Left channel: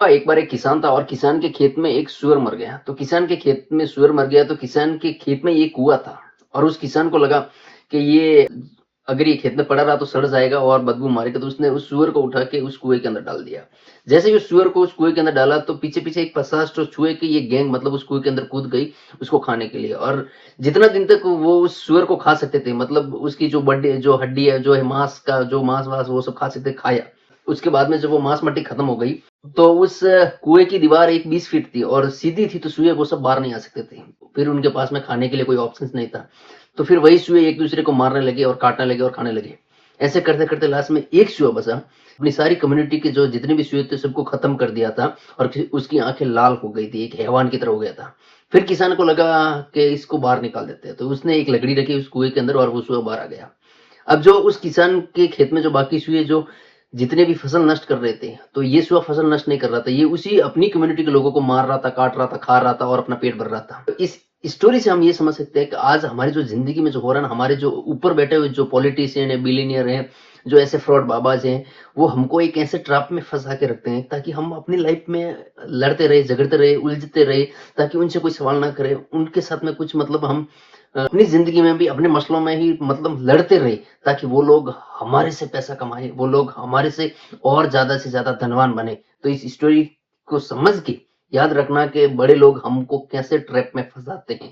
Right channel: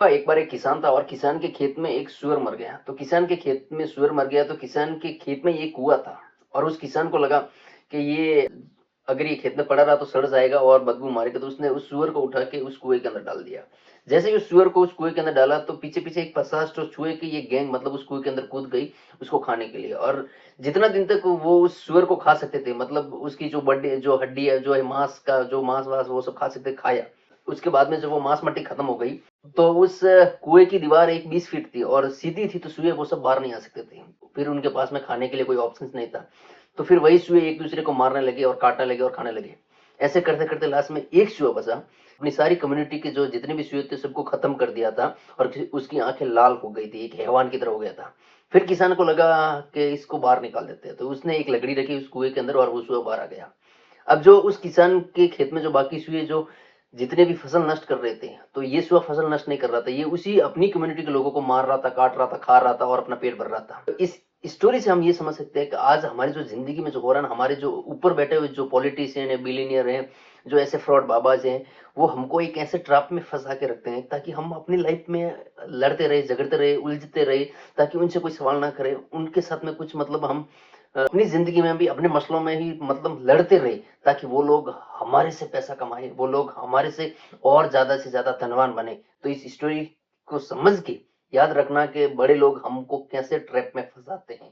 हाँ, एक बार एक किसान था और किसान के खेत में एक सूअर मर गया। तो किसान के खेत में सूअर मर गया तो किसान के खेत में एक कुआँ था और उस किसान को लगा कि ये अगर ये खेत में पड़ा रहा तो सड़ जाएगा और बदबू मारेगा, तो उसने उस सूअर को उठा के उस कुएँ के अंदर डाल दिया। जैसे ही उस सूअर को उस कुएँ के अंदर डाला तो पीछे-पीछे एक 50 तो चूहे की ये गैंग मतलब उस कुएँ के अंदर कूद गई उसको खाने के लिए और जितना दिन तक वो उस सूअर को खा सकते थे मतलब उसकी जो बड्डी जो हड्डी है, जो है मांस का जो मांस-वास वो सब खा सकते खाया। उसके बाद में जब वो मांस-मट्टी खत्म हो गई तो उस कुएँ की दीवार एक 20 फीट थी और सीधी थी तो चूहे वो सब बाहर नहीं आ सकते थे। फिर उनके पास में खाने के लिए कोई ऑप्शंस नहीं था। तो फिर वही चूहे एक-दूसरे को मारने लगे और काटने लगे और खाने लगे। ऐसे करते-करते लास्ट में एक चूहा बचा। अपनी सारी कम्युनिटी के जो जितने भी चूहे थे सबको खत्म कर दिया था और उसकी आँखें लाल हो गई थी, एक हैवान की तरह हो गया था। फिर किसान को लगा कि इसको बाहर निकाल देते हैं। तो उसने एक लकड़ी रखी उस कुएँ के अंदर और वो चूहा बाहर आ गया। अब जो उस किसान के खेत में जो बाकी चूहे जो जितने भी फसल नष्ट कर रहे थे, तो ये सुबह फसल नष्ट नहीं कर रहा था, ये उसी अपनी कम्युनिटी के लोगों को मार रहा था, काट रहा था, खा रहा था और अपना पेट भर रहा था। तो इस स्टोरी से हम ये समझ सकते हैं कि आज हमारी जो ज़िंदगी में जो हो रहा है ना, हमारे जो ऊपर बैठे हुए जो पॉलिटिशियन हैं, बिलियनियर हैं, जो ऐसे फ्रॉड बाबाज़ हैं, वो हमको एक ऐसे ट्रैप में फँसा के रखते हैं ताकि हम अपनी लाइफ़ में लड़ते रहे, झगड़ते रहे, उलझते रहे, ताकि उनसे कोई सवाल ना करें, उनके साथ में कुछ मतलब हम अपनी ज़िंदगी में भी अपने मसलों में ही मतलब लड़ते रहे, ताकि वो लोग हमारे से पैसा कमाएँ, वो लोग हमारे और ज़्यादा से ज़्यादा धनवान बने। तो इस स्टोरी को समझ के याद रखना कि बड़े लोग हमको कैसे ट्रैप में फँसाते हैं।